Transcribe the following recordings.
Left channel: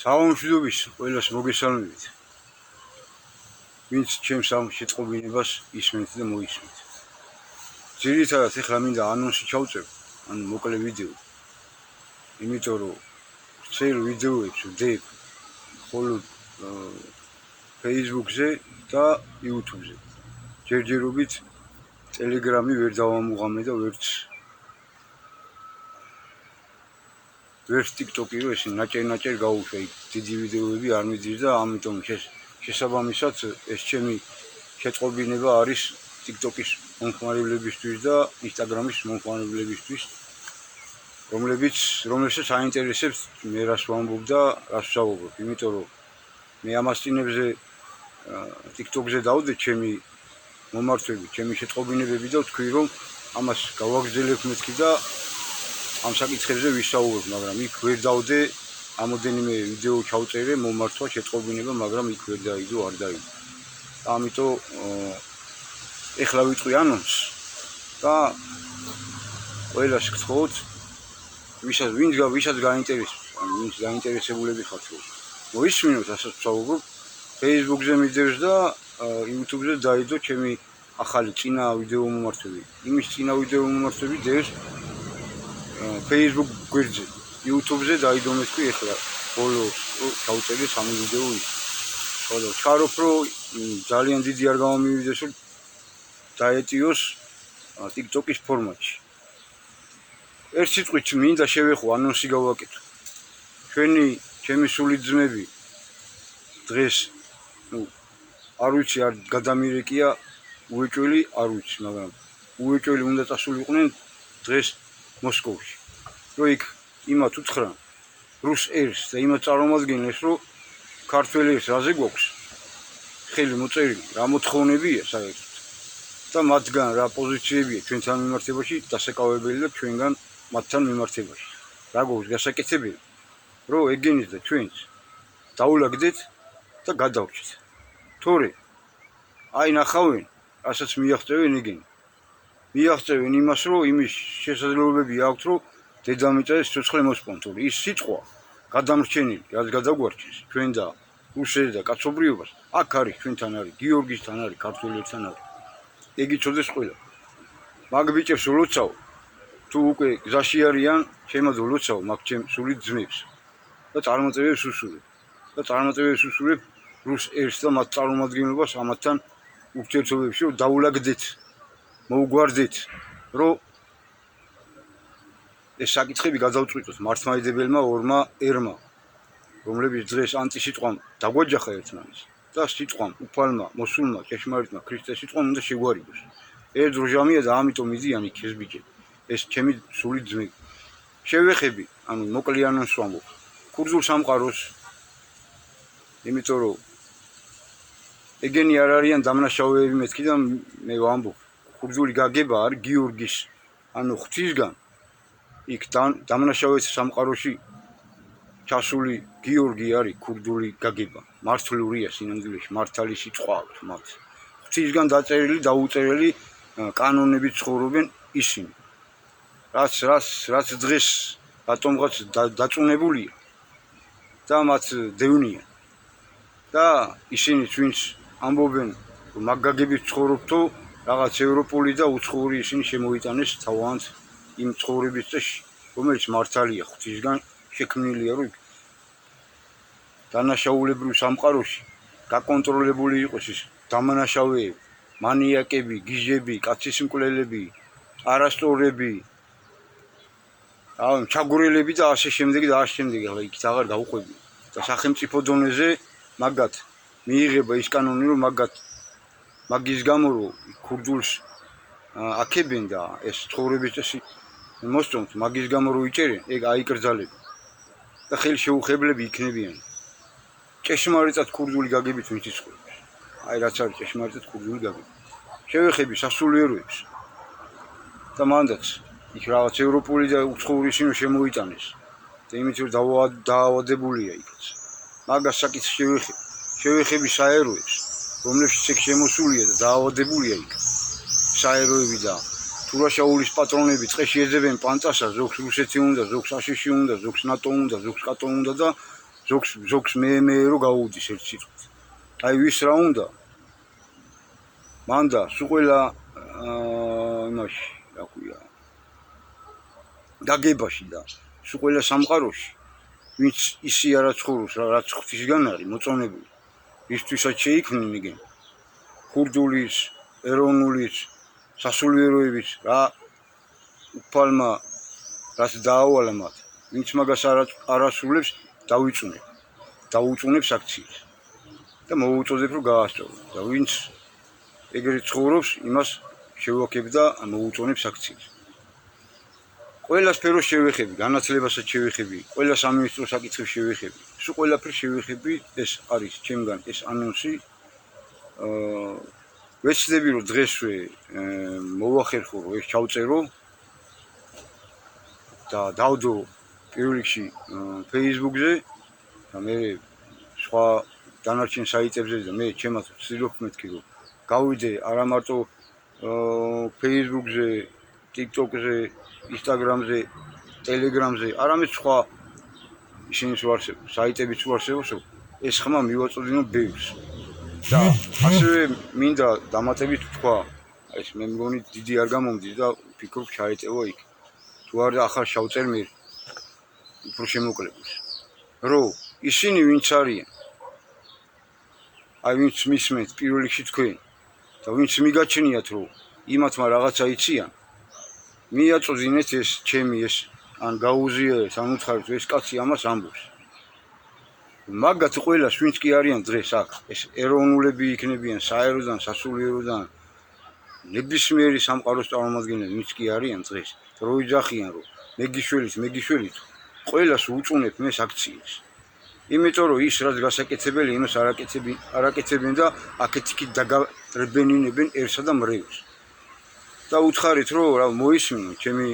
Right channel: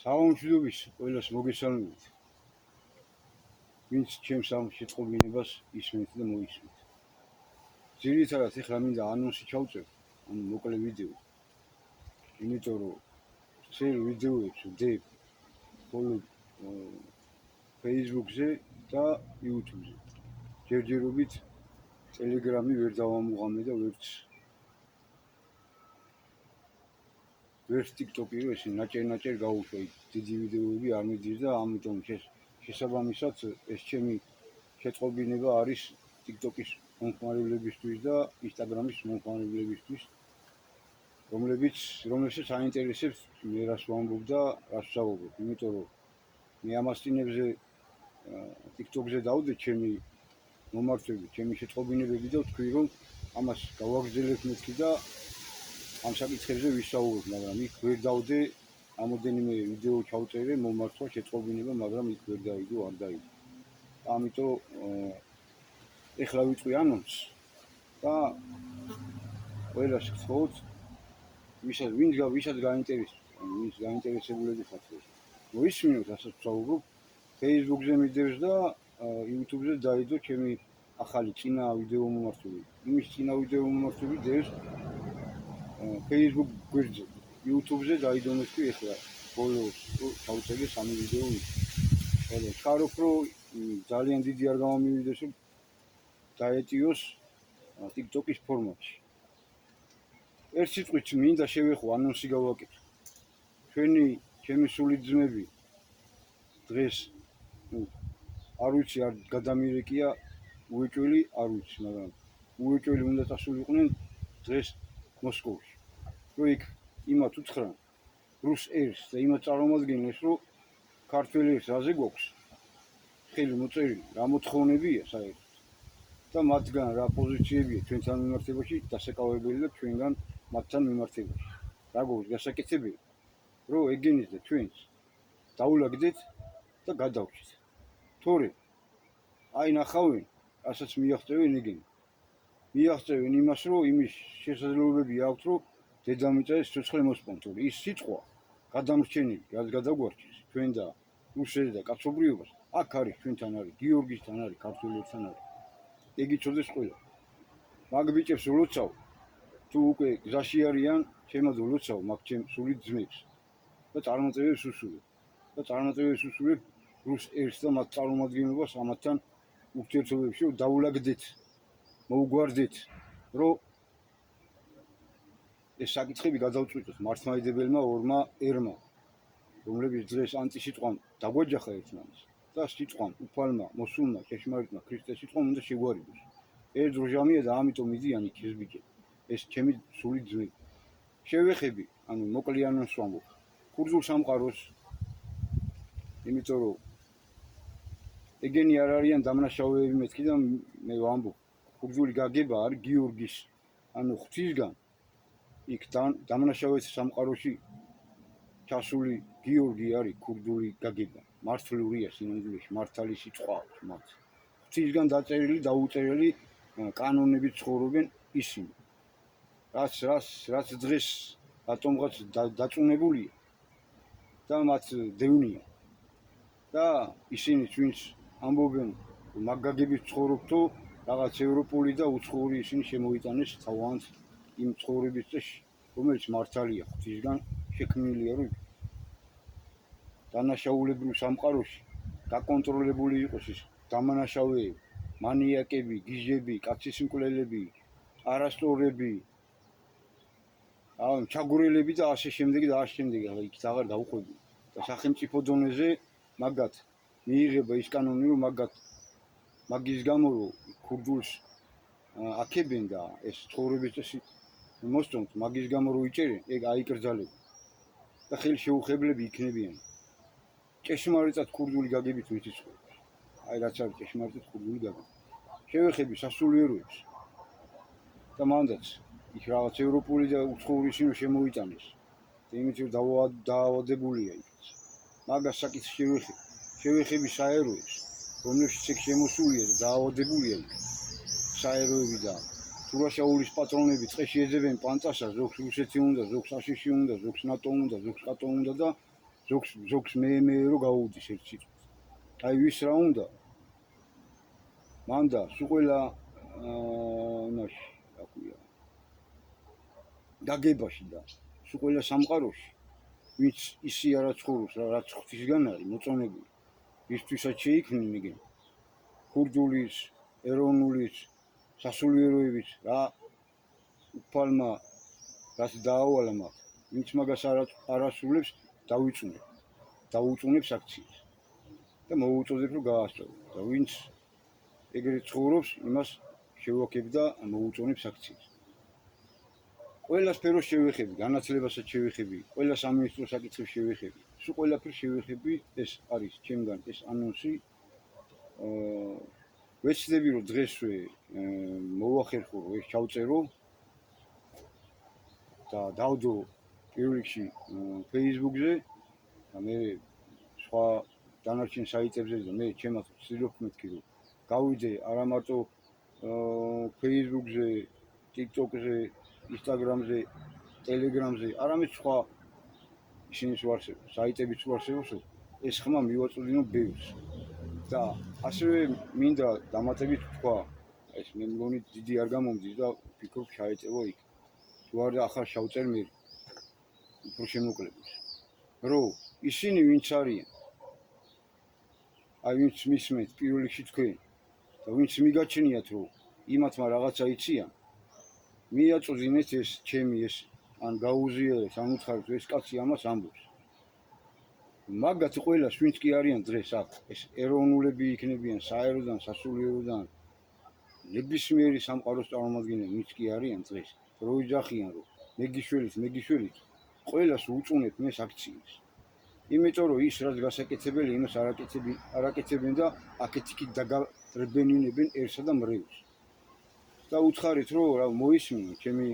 საამშვიდობის ყველას მოგესალმებით. ვინც ჩემს ამ შეწყობინებას ისმენთ და მოისმენთ. ძირითადად ეხლა მინდა ანონსი ჩავწევ, ანუ მოკლე ვიდეო. იმიტომ რომ წელ ვიდეოებს ვდებ მხოლოდ Facebook-ზე და YouTube-ზე. ჯერჯერობით Telegram-ი ვერ დავამუღამე და ვერც TikTok-ი რო ესე ნაჭერ გაუშვა, დიდი ვიდეოები არ მიდის და ამიტომ შესაბამისად ეს ჩემი შეწყობინება არის TikTok-ის მომხმარებლებისთვის და Instagram-ის მომხმარებლებისთვის, რომელსაც აინტერესებს მე რას ვამბობ და რას ვსაუბრობ, იმიტომ რომ მე ამ ასწინებზე TikTok-ზე დავდე ჩემი მომართვები, ჩემი შეწყობინებები და ვთქვი რომ ამას გავაგრძელებ მეთქი და ამ საკითხებზე ვისაუბრებ, მაგრამ იქ ვერ დავდე, ამოდენიმე ვიდეო ჩავწერე, მომართვა შეწყობინება, მაგრამ იქ ვერ დაიდო, არ დაიდო. ამიტომ ეხლა ვიტყვი ანონს და ყველას გთხოვთ, ვისაც გაინტერესებს, ანუ ვინც გაინტერესებულები ხართ, მოისმინოთ, რასაც ვსაუბრობ, Facebook-ზე მიდევს და YouTube-ზე დაიდო ჩემი ახალი წინა ვიდეო მომართვები. იმის წინა ვიდეო მომართვები დევს Facebook გვერდზე, YouTube-ზე დაიდო მეთქვი ეხლა ბოლოს ჩავწერე 3 ვიდეო ის. ხოლო ვჩქარობ რომ ძალიან დიდი არ გამომივიდეს რომ დაეტიოს TikTok-ის ფორმატში. ერთ სიტყვით მინდა შევეხო, ანონსი გავაკეთო. ჩემი სული ძმები დღეს არ ვიცი, არ გადამირეკია უეჭველი, არ ვიცი, მაგრამ უეჭველი უნდა წასულიყვნენ დღეს მოსკოვში. რომ იქ იმათ უთხრან რუს ერს და იმათ წარმომადგენლებს, რომ ქართველი ერს რაზე გვაქვს ხელი მოწერილი, რა მოთხოვნებია საერთოდ და მათგან რა პოზიციებია ჩვენთან მიმართებაში დასაკავებელი და ჩვენგან მათთან მიმართებაში. რა გვაქვს გასაკეთებელი, რომ ეგენით და ჩვენც დაულაგდეთ და გადავრჩეთ. თორე აი ნახავენ, რასაც მიაღწევენ ეგენი. მიაღწევენ იმას, რომ იმის შესაძლებლობები აქვთ, რომ დედამიწაზე სიცოცხლე მოსპონთ. ის სიტყვა გადამრჩენილი, რაც გადაგვარჩენს ჩვენ და რუსეთს და კაცობრიობას, აქ არის, ჩვენთან არის, გიორგისთან არის, ქართველებთან არის. ეგ იცოდეს ყველა. მაგ ბიჭებს ვლოცავ, თუ უკვე გზაში არიან, შემაძო ვლოცავ მაგ ჩემ სული ძმებს და წარმოწევებს უსურებ რუს ერს და მათ წარმომადგენლობას ამათთან ურთიერთობებში, რომ დაულაგდეთ, მოუგვარდეთ, რომ ეს საკითხები გადავწყვიტოთ მართლმადიდებელმა ორმა ერმა, რომლებიც დღეს ანტისიტყვამ დაგვაჯახა ერთმანეთს და სიტყვამ, უფალმა, მოსულმა, ჭეშმარიტმა, ქრისტეს სიტყვამ უნდა შეგვარიგოს. ერთ დროჟამია და ამიტომ მიდიან იქ ეს ბიჭები, ეს ჩემი სული ძმები. შევეხები, ანუ მოკლე ანონს ვამბობ, ქურთულ სამყაროს, იმიტომ რომ ეგენი არ არიან დამნაშავეები მეთქი და მე ვამბობ, ქურთული გაგება არის გიორგის, ანუ ღვთისგან იქ დამნაშავეთა სამყაროში ჩასული გიორგი არის ქურთული გაგება. მართლურია სინამდვილეში, მართალი სიტყვა აქვს მათ. ღვთისგან დაწერილი, დაუწერელი კანონებით ცხოვრობენ ისინი. რაც დღეს რატომღაც დაწუნებულია და მათ დევნია. და ისინი ვინც ამბობენ, რომ მაგ გაგებით ცხოვრობთო, რაღაც ევროპული და უცხოური ისინი შემოიტანეს თავიანთ იმ ცხოვრების წესში, რომელიც მართალია ღვთისგან შექმნილია, რომ დანაშაულებრივ სამყაროში გაკონტროლებული იყოს ის დამანაშავეები, მანიაკები, გიჟები, კაცისმკვლელები, არასწორები, ჩაგვრელები და ასე შემდეგ და ასე შემდეგ. ახლა იქით აღარ გავყვები და სახელმწიფო დონეზე მაგათ მიიღება ის კანონი, რომ მაგის გამო რომ ქურთულს აქებენ და ეს ცხოვრების წესი მოსწონთ, მაგის გამო რომ იჭერენ, ეგ აიკრძალება და ხელშეუხებლები იქნებიან. ჭეშმარიტად ქურთული გაგებით ვინც იცხოვრებს. აი რაც არის ჭეშმარიტად ქურთული გაგება. შევეხები სასულიეროებს და მანდაც იქ რაღაც ევროპული და უცხოური ისინი შემოიტანეს და იმით რომ დაავადებულია იქაც. მაგას საკითხს შევეხები საეროებს, რომლებშიც ეგ შემოსულია და დაავადებულია იქ. საეროები და თურაშაულის პატრონები წყეში ეძებენ პანწასას, ზოგს რუსეთი უნდა, ზოგს აშიში უნდა, ზოგს ნატო უნდა, ზოგს კატო უნდა და ზოგს მე რო გაუდის ერთ სიტყვით. აი ვის რა უნდა? მანდა სულ ყველა იმაში, რა ქვია, გაგებაში და სულ ყველა სამყაროში, ვინც ისი არა ცხოვრობს, რაც ღვთისგან არის მოწონებული, ისთვისაც შეიქმნიან ქურდულის, ეროვნულის, სასულიეროების რა უფალმა რაც დაავალა მათ, ვინც მაგას არ ასრულებს, დაუწუნებს აქციას და მოუწოდებ რომ გაასწოროს და ვინც ეგრეთ ცხოვრობს, იმას შევაქებ და მოუწონებს აქციას. ყველა სფეროს შევეხები, განათლებასაც შევეხები, ყველა სამინისტრო საკითხებს შევეხები, სულ ყველაფერს შევეხები, ეს არის ჩემგან ეს ანონსი. ვეცდები რომ დღესვე მოვახერხო, ეს ჩავწერო და დავდო პირველ რიგში Facebook-ზე და მე სხვა დანარჩენ საიტებზე და მე ჩემაც ვცდილობ მეთქი რომ გავიდე არა მარტო Facebook-ზე, TikTok-ზე, Instagram-ზე, Telegram-ზე, არამედ სხვა ისინიც ვარსებობს, საიტებიც ვარსებობს, ეს ხმა მივაწოდინო ბევრს. და ასევე მინდა დამატებით თქვა, ეს მე მგონი დიდი არ გამომდის და ვფიქრობ ჩაეტევა იქ. თუ არა ახალ შავწერ მე უფრო შემოკლებას. რომ ისინი ვინც არიან, აი ვინც მისმენთ პირველ რიგში თქვენ და ვინც მიგაჩნიათ რომ იმათმა რაღაცა იციან, მიაწოდინეთ ეს ჩემი ეს ან გაუზიარეთ, ან უცხარეთ ეს კაცი ამას ამბობს. მაგათ ყველას ვინც კი არიან დღეს აქ, ეს ეროვნულები იქნებიან საეროდან, სასულიეროდან, ნებისმიერი სამყაროს წარმომადგენლები ვინც კი არიან დღეს, რო იძახიან რომ მეგიშველით, ყველას უწუნებ მე აქციას. იმიტომ რომ ის რაც გასაკეთებელი, იმას არაკეთებენ და აქეთ-იქით დაგარბენინებენერსა და მრევლს. და უცხარით რომ რა მოისმინო ჩემი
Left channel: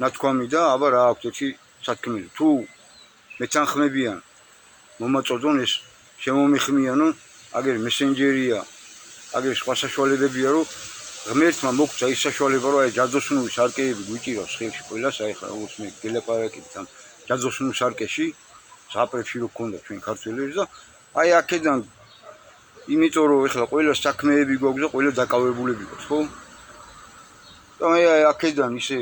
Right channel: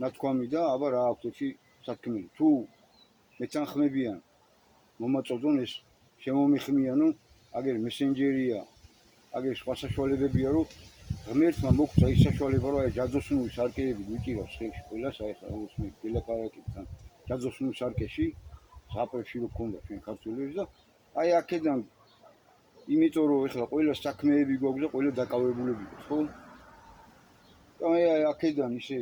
ნათქვამი და აბა რა აქვთ ერთი სათქმელი. თუ მეთანხმებიან მომაწოდონ ეს შემომიხმიანონ, აგერ მესენჯერია, აგერ სხვა საშუალებებია რომ ღმერთმა მოგწა ის საშუალება რომ აი ჯადოსნური სარკეები გვიჭირავს ხილში ყველას, აი ხა როგორც მე გელაპარაკეთ ამ ჯადოსნურ სარკეში, ზაპრებში რო გქონდა ჩვენ ქართველებს და აი აქედან იმიტომ რომ ეხლა ყველა საქმეები გვაქვს და ყველა დაკავებულები გვაქვს, ხო? და მე აი აქედან ისე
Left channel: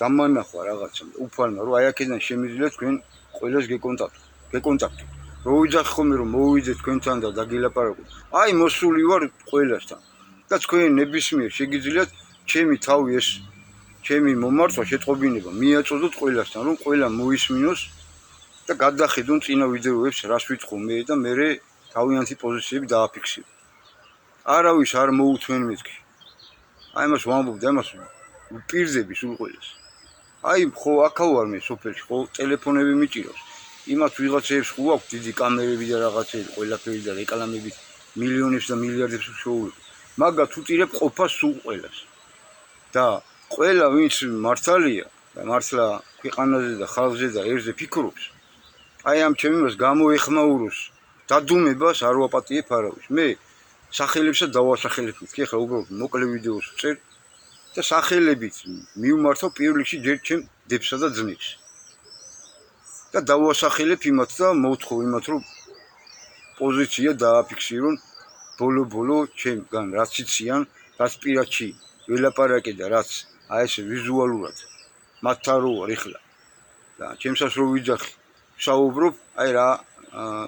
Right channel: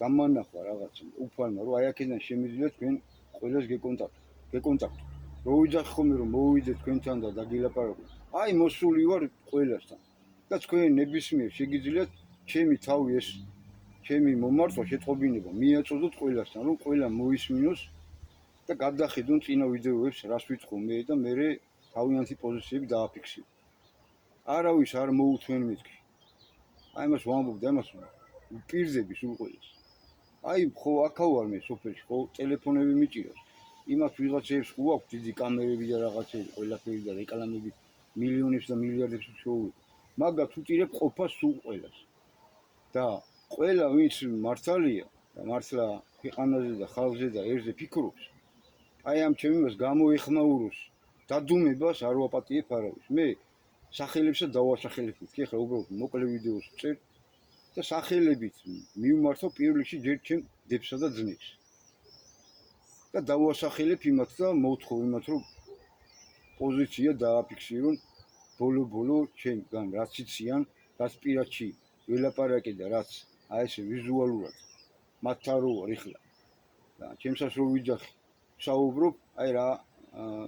დამანახვა რაღაცა უფალმა რომ აი აქედან შემიძლია თქვენ ყველას გეკონტაქტოთ. რო ვიძახ ხოლმე რომ მოვიდეთ თქვენთან და დაგილაპარაკოთ. აი მოსული ვარ ყველასთან. და თქვენ ნებისმიერ შეგიძლიათ ჩემი თავი ეს ჩემი მომართვა შეტყობინება მიაწოდოთ ყველასთან, რომ ყველა მოისმინოს და გადახედონ წინა ვიდეოებს, რას ვიტყო მე და მე თავიანთი პოზიციები დააფიქსირო. არავის არ მოუთმენ მეთქი. აი მას ვამბობ და იმას ვპირდები სულ ყველას. აი ხო აქა ვარ მე სოფელში, ხო ტელეფონები მიჭირავს. იმათ ვიღაცებს ხო აქვს დიდი კამერები და რაღაცები, ყველაფერი და რეკლამები მილიონებს და მილიარდებს შეუძლებს. მაგათ უტირებ ყოფას სულ ყველას. და ყველა ვინც მართალია და მართლა ქვეყანაზე და ხალხზე და ერზე ფიქრობს, აი ამ ჩემს გამოეხმაუროს დადუმებას არ ვაპატიებ არავის. მე სახელებსაც დავასახელებ მეთქი, ახლა უბრალოდ მოკლე ვიდეოს ვწერ და სახელებით მივმართო პირველ რიგში ჯერ ჩემ დებსა და ძმებს. და დავასახელებ იმათ და მოვთხოვ იმათ რომ პოზიცია დააფიქსირონ ბოლო ჩემგან რაც იციან, რაც პირადში ველაპარაკე და რაც აი ეს ვიზუალურად მათთან რო ვარ ეხლა და ჩემსაც რო ვიძახი საუბრობ, აი რა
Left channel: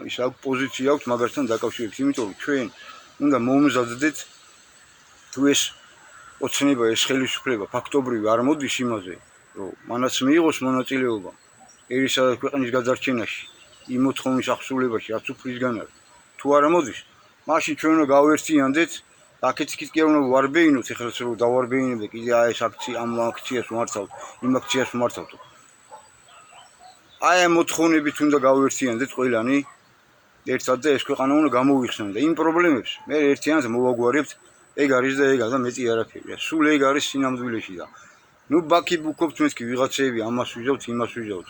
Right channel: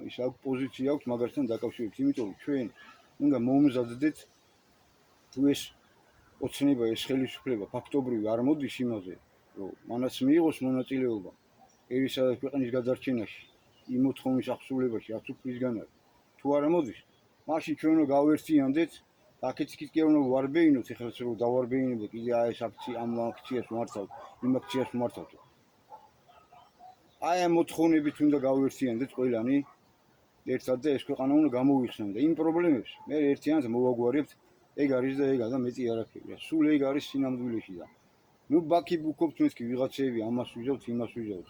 ის რა პოზიცია აქვს მაგასთან დაკავშირებით, იმიტომ რომ ჩვენ უნდა მომზადდეთ თუ ეს ოცნება, ეს ხელისუფლება ფაქტობრივი არ მოდის იმაზე, რომ მანაც მიიღოს მონაწილეობა ერისა და ქვეყნის გადარჩენაში, იმ მოთხოვნის აღსრულებაში, რაც უფლისგან არის. თუ არ მოდის, მაშინ ჩვენ უნდა გავერთიანდეთ, აქეთ-იქით კი არ უნდა ვარბეინოთ, ეხლაც რომ დავარბეინებდე კიდე აი ეს აქცია, ამ აქციას ვმართავთ, იმ აქციას ვმართავთ. აი ამ მოთხოვნებით უნდა გავერთიანდეთ ყველანი ერთად და ეს ქვეყანა უნდა გამოვიხსნან და იმ პრობლემებს მე ერთიანად მოვაგვარებთ, ეგ არის და ეგა და მეტი არაფერია. სულ ეგ არის სინამდვილეში და ნუ ბაქი ბუქობთ მეთქი ვიღაცები ამას ვიზავთ, იმას ვიზავთ.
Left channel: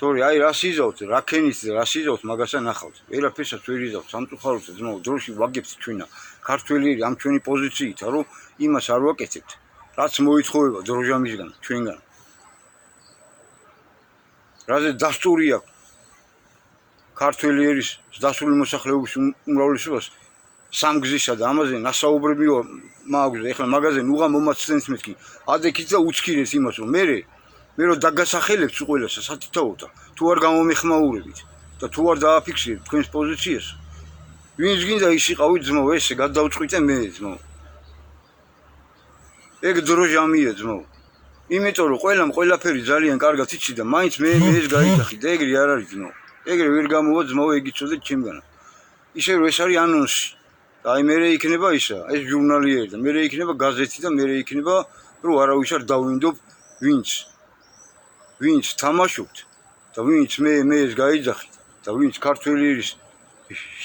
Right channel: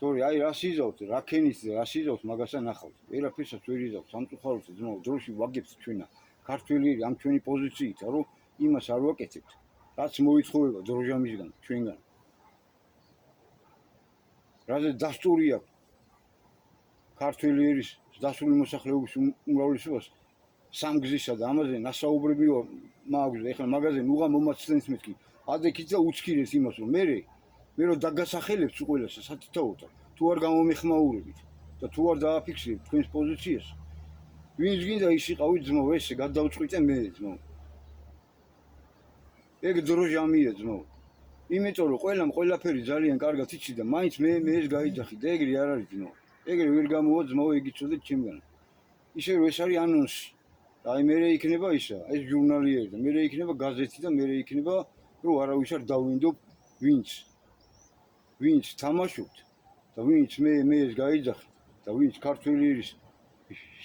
თორე აი რას იზავთ, რა ქენით და რას იზავთ, მაგასა ნახავთ. ვერაფერსაც ვერ იზავთ, სამწუხაროდ ძმაო, დროში ვაგებთ ჩვენა ქართველიერი ამ ჩვენი პოზიციით, რომ იმას არ ვაკეთებთ, რაც მოითხოვება დროჟამისგან, ჩვენგან. რაზე დასტური აქვს ქართველი ერის დასული მოსახლეობის უმრავლესობას სამგზისა და ამაზე ნასაუბრები მაქვს. ეხლა მაგაზე ნუღა მომაცდენს მეთქი. ადექით და უცქირეს იმას, რომ მე რომ დაგასახელებთ ყველას სათითაოდ თუ არ გამომეხმაურებით და თუ არ დააფიქსირებთ თქვენს პოზიციას, ვინც გინდა ის იყავით ძმო, ესე გადავწყვიტე მე ძმო. ეგ დრო ჟამია ძმო. იმიტომ რომ ყველამ ყველაფერი ძალიან კარგად იცი და მაინც მე ეს გაიძახი და ეგრე არ არის ძმო. ეგრე ვერ გამოვა ძმო, ეგ იცოდეთ ჩემგანა. ისე რომ ეს არის ანონსი. და აი მე იქნება ისა, ეს ჟურნალი და მე იქნება გაზეთი და მე იქნება რომ არავის არ დავინდობ ვინც თამაშობთ და ვინც მე ეს გაიძახით და ვინც ქართველი ერის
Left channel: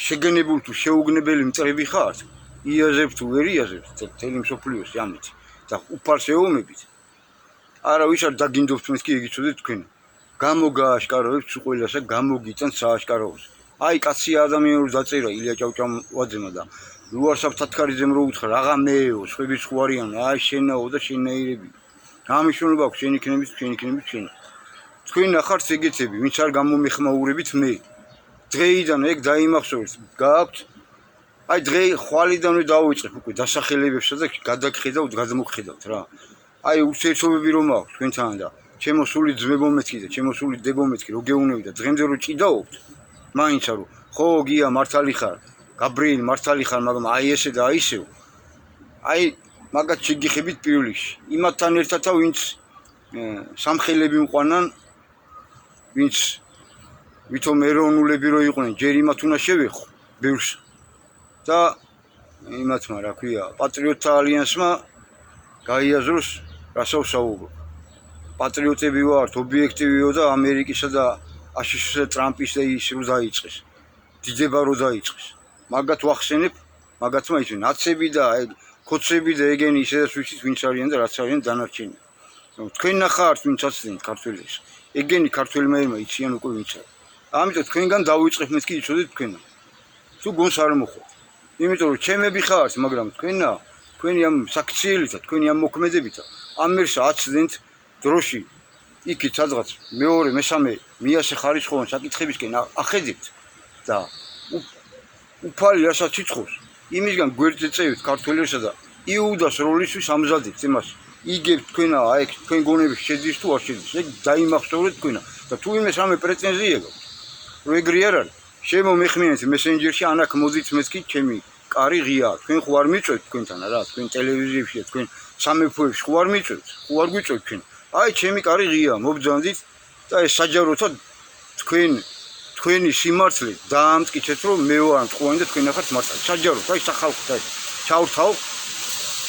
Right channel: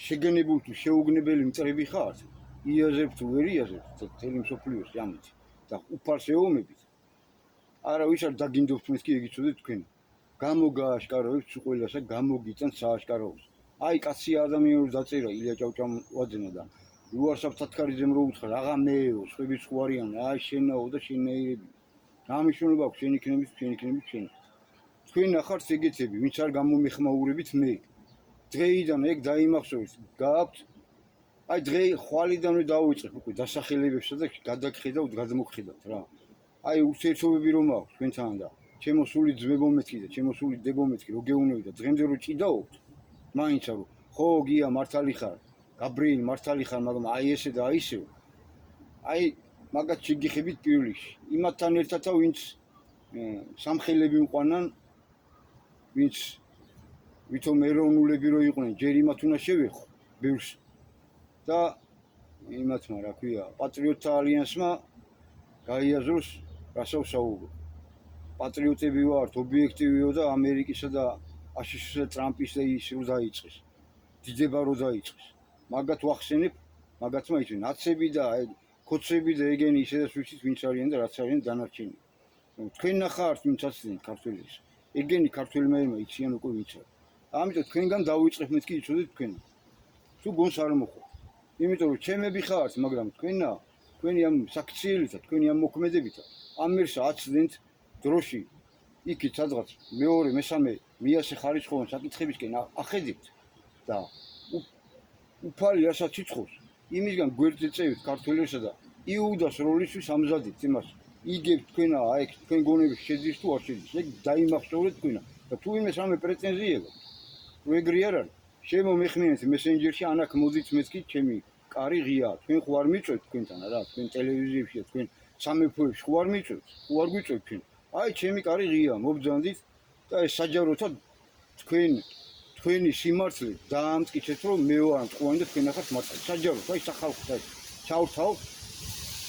შეგენებული თუ შეუგნებელი მტრები ხართ, იაზებთ თუ ვერ იაზებთ მთელი მსოფლიოს ამით და უფალს ეომებით. არავის არ დაგინდობთ მეთქი ეგ იცოდეთ თქვენ. გამოგააშკარავებთ ყველასა გამოგიწან სააშკაროებს. აი კაცი ადამიანური დაწერა ილია ჭავჭავაძემ და ლუარსაბ თათქარიძემ რო უთხრა რაღა მეო, სხვები სხვა არიან, აი შენაო და შენაირები. გამიშონება აქვს შენ იქნებით, შენ იქნებით შენ. თქვენ ნახართ ეგეთები, ვინც არ გამომეხმაურებით მე. დღეიდან ეგ დაიმახსოვრეთ, გააქვთ. აი დღე ხვალიდანვე დავიწყებ უკვე დასახელებებსა და გადაგხედავთ, გადმოგხედავთ რა. აი ურთიერთობები რომ აქვს თქვენთან და ჩემო სული ძმებო მეთქი და ჩემო სული დებო მეთქი რო გეუნები და დღემდე რო ჭიდაობთ. მაინც არო ხო გია მართალი ხარ გაბრიელ მართალი ხარ მაგრამ აი ესე და აი ისევ აი მაგათ შეგიხებით პირველ რიგში იმათთან ერთად ვინც სამხელები უყვანან ვინც ვითომ ეროვნულები რო იყვნენ ჯერ იმათ უნდა შევეხო ბევრს და იმათმა რა ქვია პატრიოტთა ალიანსმა გაიაზროს რასაც საუბრობ პატრიოტები ვართ ობიექტივიო და ამერიკისა და აშშ ტრამპის და ის რო დაიწყეს. დიდება რო დაიწყეს. მაგათ ვახსენებ, მაგათმა ის ნაცები და აი კოცები და ეგენი ისედაც ვიცით ვინც არიან და რაც არიან დანარჩენი. თქვენ ნახართ ვინც აცდენთ ქართველებს. ეგენი ქართველმა ერმა იციან უკვე ვინც არის. ამიტომ თქვენგან დავიწყებ მეთქი იცოდეთ თქვენა. თუ გონს არ მოხოთ. იმიტომ რომ ჩემები ხართ, მაგრამ თქვენი ამ საქციელითა, თქვენი ამ მოქმედებითა ამერს აცდენთ დროში იქით სადღაც მეორე, მესამე, მიასე ხარისხოვან საკითხებისკენ ახედებთ და უფალი რასაც იცხოვს, იმისგან გვერდზე წევით ქართველებსა და იუდას როლისთვის ამზადებთ იმას. იგებთ თქვენა, აი თქვენ გონების შედის თუ არ შედის, ეგ დაიმახსოვრეთ თქვენა და თუ იმეს რამე პრეტენზია გაქვთ, რომ ეგრე არ არის, შემომეხმიანეთ მესენჯერში, ანაკ მოდით მეთქი ჩემი კარი ღია, თქვენ ხო არ მიწვევთ თქვენთან რა, თქვენ ტელევიზიებში და თქვენ სამეფოებში ხო არ მიწვევთ, ხო არ გვიწევთ თქვენ. აი ჩემი კარი ღია, მობძანდით და ეს საჯაროთად თქვენი სიმართლე დაამტკიცეთ, რომ მე ვარ მწყოენი და თქვენ ახართ მართალი. საჯაროდ, აი სახალხო და ჩავრთავ,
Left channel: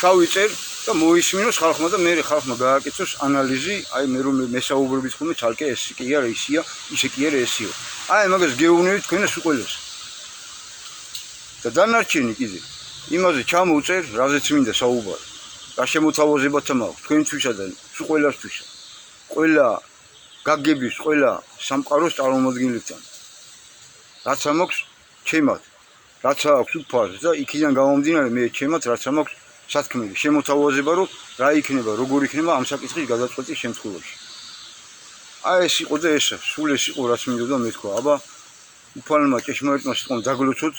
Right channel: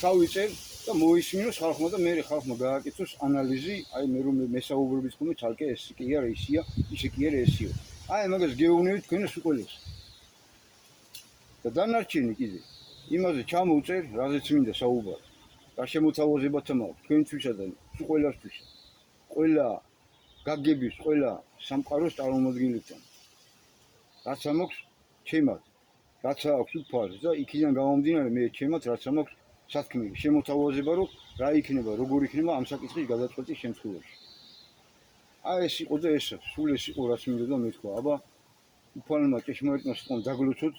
ჩავიწერ და მოისმინოს ხალხმა და მე ხალხმა გააკეთოს ანალიზი, აი მე რომ მესაუბრებით ხოლმე ცალკე ეს კი არა ისია, ისე კი არა ესიო. აი მაგას გეუბნებით თქვენს უყოლეს. და დანარჩენი კიდე იმაზე ჩამოუწერ, რაზეც მინდა საუბარი. რა შემოთავაზებათა მაქვს თქვენთვისა და ყველასთვის. ყველა გაგების, ყველა სამყაროს წარმომადგენლებთან. რაც ამაქვს ჩემად, რაც აქვს უფალს და იქიდან გამომდინარე მე ჩემად რაც ამაქვს სათქმელი შემოთავაზება რომ რა იქნება, როგორ იქნება ამ საკითხის გადაწყვეტის შემთხვევაში. აი ეს იყო და ესა, სულ ეს იყო რაც მინდოდა მეთქვა. აბა უფალმა ჭეშმარიტმა სიტყვამ დაგლოცოთ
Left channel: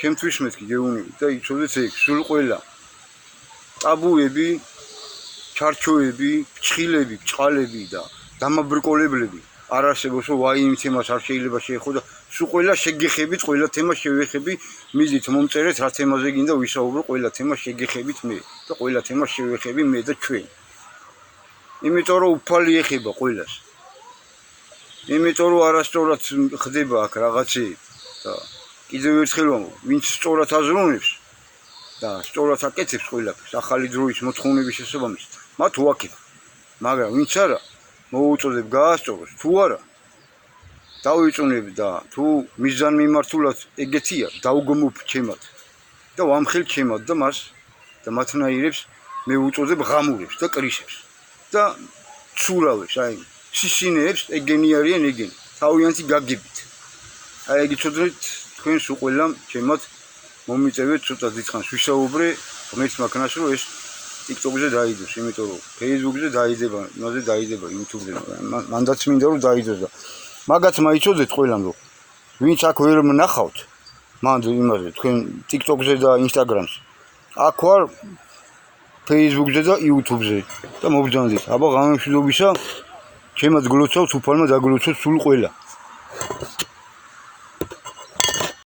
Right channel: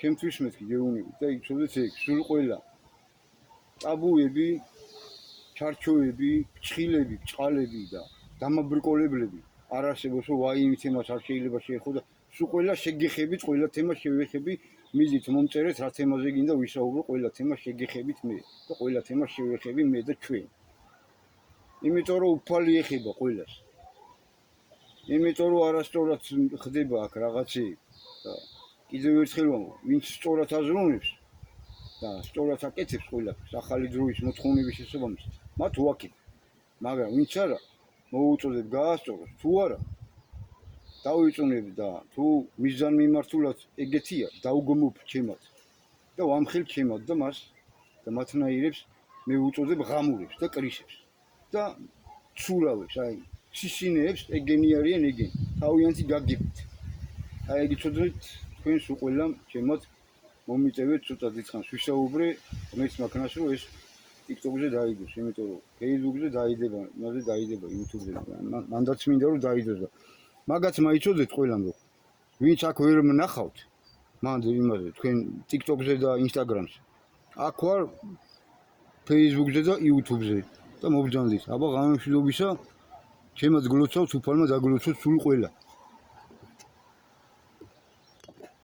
ჩემთვის მეთქი გეუბნები და იცოდეთ ეგ სულ ყველა ტაბუები, ჩარჩოები, ფჩხილები, ბჭყალები და დამაბრკოლებლები არ არსებობს, რომ ვაი იმ თემას არ შეიძლება შეეხო და სულ ყველა შეგეხებით, ყველა თემა შევეხები, მიდით მომწერეთ რა თემაზე გინდა ვისაუბრო, ყველა თემა შეგეხებით მე და ყველა თემა შევეხები მე და ჩვენ. იმიტომ რომ უფალი ეხება ყველას. იმიტომ რომ არასწორად ხდება აქ რაღაცები და კიდევ ერთხელ ვამბობ, ვინც სწორად აზროვნებს და სწორად აკეთებს ყველაფერს, ახალი დროის მოთხოვნების შესაბამისად, მათ უაქებ. მაგრამ ვინც არა, მოუწოდებ გაასწოროს, თუ არა, დავიწუნებ და თუ მიზანმიმართულად ეგეთია, დავგმობ ჩემად და ვამხელ ჩემად და მას და მათნაირებს მე უწოდებ ღამურებს და კრისებს და ცურავებს, აი სისინეებს, ეგენი არიან ეგენი, თავიანთი გაგებით. აი ეგ იცოდეთ თქვენს უყველამ ჩემად მომიწევეთ ცოტა დიდხანს ვისაუბრე ღმერთმა ქნას რომ ეს TikTok-ზე დაიდოს, იმიტომ რომ Facebook-ზე დაიდება, იმაზე დაიდება, YouTube-ზე, მანდაც მინდა რომ დაიდოს და მაგაც მაიცოდეთ ყველამ რომ ვინც აქ ვერ ნახავთ მანდ იმაზე თქვენ TikTok-ზე და Instagram-ზე აქ ვარ Facebook-ზე და YouTube-ზე და მოგძანდით აბა ღამემშვიდობისა ჩემად გლოცავთ უფალმა დაგლოცოთ სულ ყველა